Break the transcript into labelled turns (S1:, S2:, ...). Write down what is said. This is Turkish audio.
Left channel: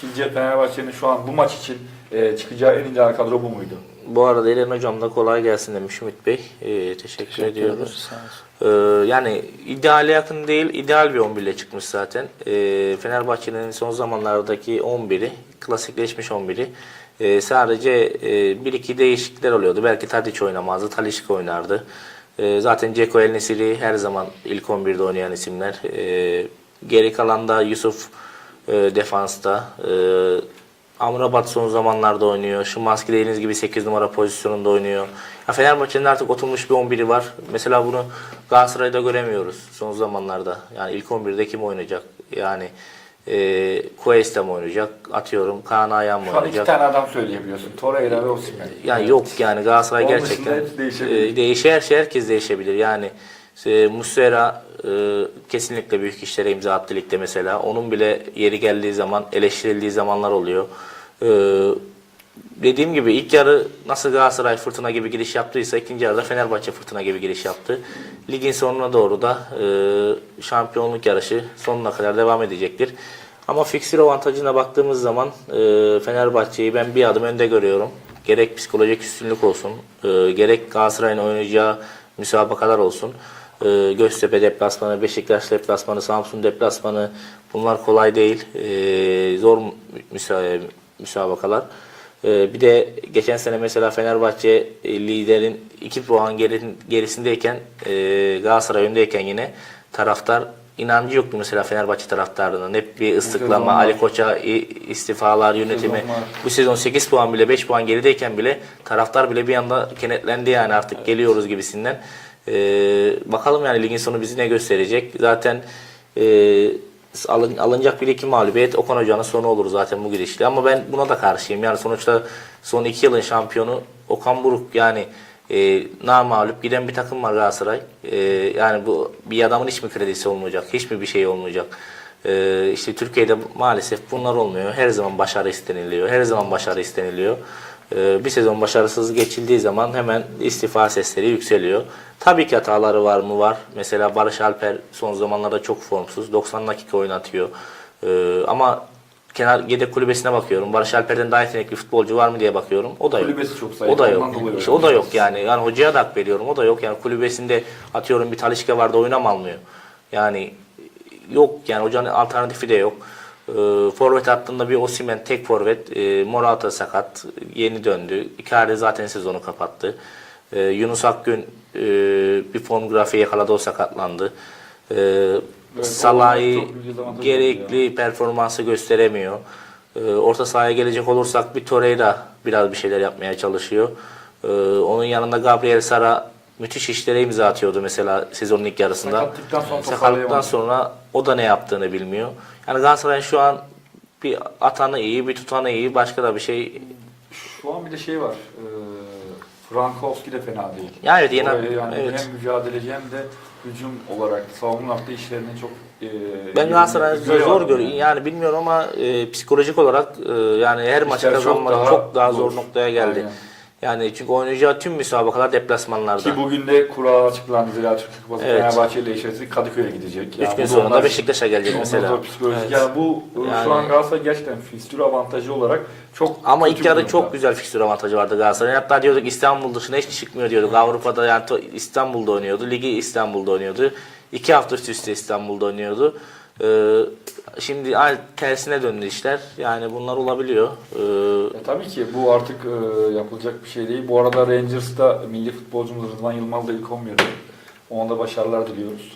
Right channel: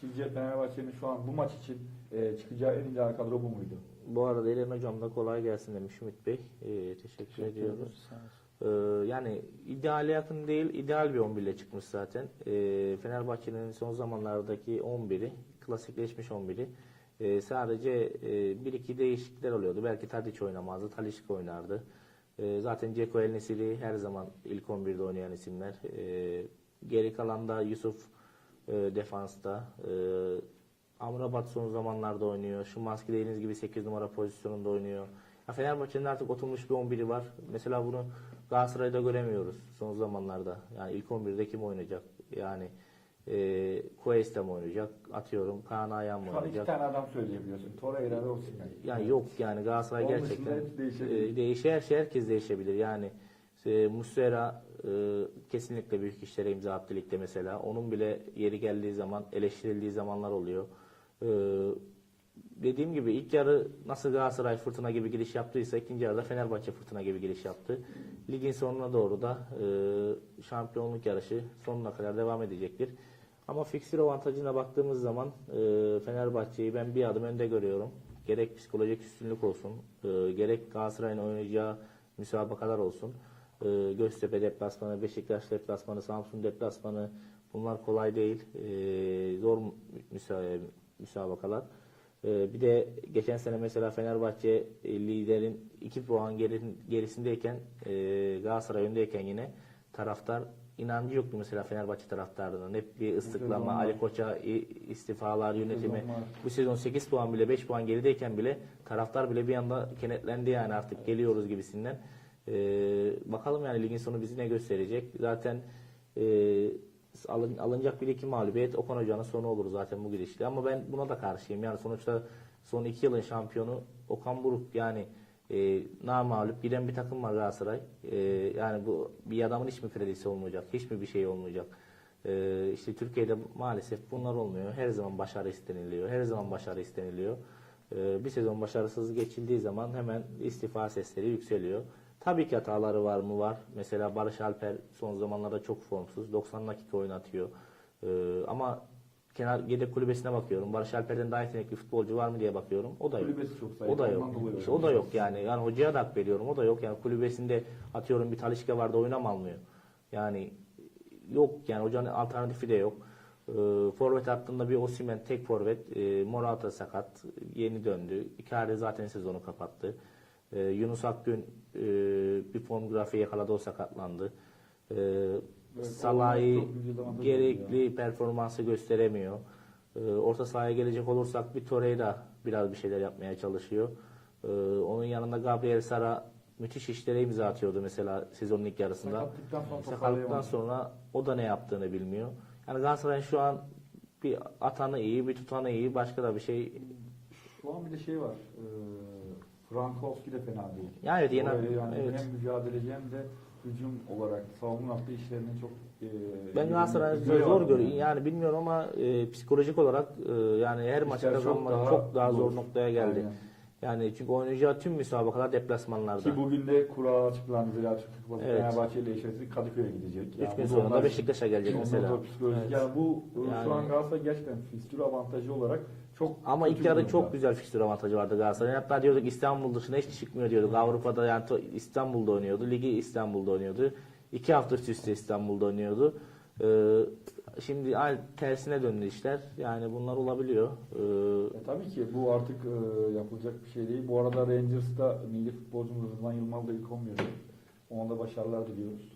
S1: Sizce Fenerbahçe'nin şu an bu maç için e, çıkacağı en ideal kadro bu muydu?
S2: Bu arada İlhan Hocam da kolay gelsin demiş Ümit Bey. Ee, teşekkür, ediyoruz. Ee, yani ideale yakın değil, ideal bir 11 ile çıkmış zaten. Ee, Fenerbahçe'nin son zamanlardaki 11'i, klasikleşmiş 11'i. Ee, sadece e, bir iki değişiklikler oluyordu. Belki Tadic oynamazdı, Talişka oynardı. Ee, zaten Ceko El Nesiri her zaman ilk 11'de oynayan isimler. Ee, geri kalan da Yusuf e, defansta. Ee, Amrabat son zamanlarda oynuyor. Şimanski dediğiniz gibi 8 numara pozisyonunda oynuyor. Ya Fenerbahçe'nin artık oturmuş bir 11'i var. Mesela bunu Galatasaray'da göremiyoruz son zamanlarda. Yani ilk 11'de kim oynayacak? Yani e, Cuesta mı oynayacak? Atıyorum Kaan Ayhan mı
S1: Şu an iki
S2: oynayacak?
S1: tane adam söyleyebiliyorsun. Torreira ve Osimhen.
S2: Yani yok yani Galatasaray
S1: Onun
S2: gerçekten
S1: hepsi değişebilir.
S2: e, değişir, şey herkes değişebilir. Yani e, Muslera e, kesinlikle büyük işlere imza attı ligde mesela. Onun bile yeri geldiği zaman eleştirildiği zamanlar oluyor. E, dediğim gibi ilk yarı nasıl Galatasaray fırtına gibi giriş yaptıysa ikinci yarıda Fenerbahçe fırtına gibi giriş yaptı. Ligin sonuna doğru da e, şampiyonluk yarışı sonuna kadar devam edecektir. Ama fiksir avantajına baktığımız zaman e, Fenerbahçe'yi ben bir adım önde görüyorum. Gerek psikolojik üstünlük olsun, e, gerek Galatasaray'ın oynayacağı müsabakalar olsun. E, Göztepe deplasmanı, Beşiktaş deplasmanı, Samsun deplasmanı bunlar kolay değil. E, zor müsa- müsabakalar. E, bir de geçen sene mesela Fenerbahçe e, liderin 2 puan geri- gerisindeyken e, Galatasaray öndeyken yine taraftar inancı yoktu mesela Fenerbahçe taraftarının. Hep bir ıslıklama, Ali Koç'a istifalar, yönetimi. Bu sezon 8 puan bile 5 puan gerideyken bile taraftar bile bir anda kenetlendi yani artık geliyoruz gibisinden. Ee, bakalım yani ligin sonu bizi ne gösterecek. Zaten e, alın, alınacak bir iki mağlubiyet Okan Hoca'nın sonu olur zaten bu gidişle. Ama ben buna da karşıyım. Yani sonuçta son 2 yılın şampiyonu Okan Buruk yani e, namağlup giden bir takım var Galatasaray. E, yani bu bir adamın hiç mi kredisi olmayacak? Hiç mi bir şey olmayacak? Ee, işte Türkiye'de maalesef bunlar olmuyor. Her zaman başarı isteniliyor. Her zaman başarı isteniliyor. Ee, bir sezon başarısız geçildiği zaman hemen istifa sesleri yükseliyor. Tabii ki hataları var mı? Var. Mesela Barış Alper son zamanlarda çok formsuz. 90 dakika oynatıyor. Ee, ama kenar yedek kulübesine bakıyorum. Barış Alper'den daha yetenekli futbolcu var mı diye bakıyorum. O da yok.
S1: Kulübesi çok zayıf,
S2: O da yok. İşte o da yok yani. Yani hocaya da hak veriyorum. O da yok. Yani kulübesinde atıyorum bir Talişka vardı oynam almıyor. Yani yok yani hocanın alternatifi de yok. Ee, forvet hattında bir Osimhen tek forvet. Ee, Morata sakat. Yeni döndü. Icardi zaten sezonu kapattı. Ee, Yunus Akgün e, bir form grafiği yakaladı o sakatlandı. Salah'ı
S1: çok büyük dezavantaj
S2: gerekli performansı gösteremiyor. Ee, orta sahaya gelecek olursak bir Torreira biraz bir şeyler yapmaya çalışıyor. Ee, onun yanında Gabriel Sara müthiş işlere imza atıyordu mesela sezonun ilk yarısında.
S1: Sakatlıktan sonra
S2: Sakatlıktan sonra o da ne yaptığını bilmiyor. Yani Galatasaray'ın şu an bir atanı iyi, bir tutanı iyi, başka da bir şey.
S1: Şu an bir de şey var. E, Frankowski de fena değil.
S2: Yani evet,
S1: Oraya yani
S2: evet.
S1: hem mücadeleci hem de hücum olarak savunma yaptığı işlerini çok e,
S2: Ben Galatasaray'ı zor, zor görüyorum. Yani bilmiyorum ama e, psikolojik olarak e, yani her maçı
S1: İşler çok
S2: kazanmak
S1: daha
S2: çok daha zor
S1: zor.
S2: noktaya geldi.
S1: Aynen.
S2: Yani çünkü oynayacağı tüm müsabakalar deplasmanlarda.
S1: Ki bugün de kura açıklandı. Zira Türk Kupası
S2: Evet.
S1: Fenerbahçe ile eşleşti. Kadıköy'e gidecek.
S2: Üç
S1: Yani
S2: gün
S1: bu
S2: sonra da Beşiktaş'a gelecek mesela. Evet.
S1: Yani bu e,
S2: Yani-
S1: şu an Galatasaray gerçekten fikstür avantajı olarak çok
S2: Ama ilk yarı çok güzel fikstür avantajı vardı Galatasaray'ın. Hatta diyorduk İstanbul dışına hiç çıkmıyor diyorduk. Avrupa'da yani İstanbul'da oynuyordu. Ligi İstanbul'da oynuyordu. İki hafta üst üste İstanbul'da oynuyordu. Ee, şimdi tersine döndü işler. Yani bunlar olabiliyor. Ee,
S1: Ya tabii ki bu artık e, yapılacak bir şey değil. Bu arada Rangers'ta milli futbolcumuz Rıdvan Yılmaz da ilk 11'de. Ona da başarılar diliyoruz.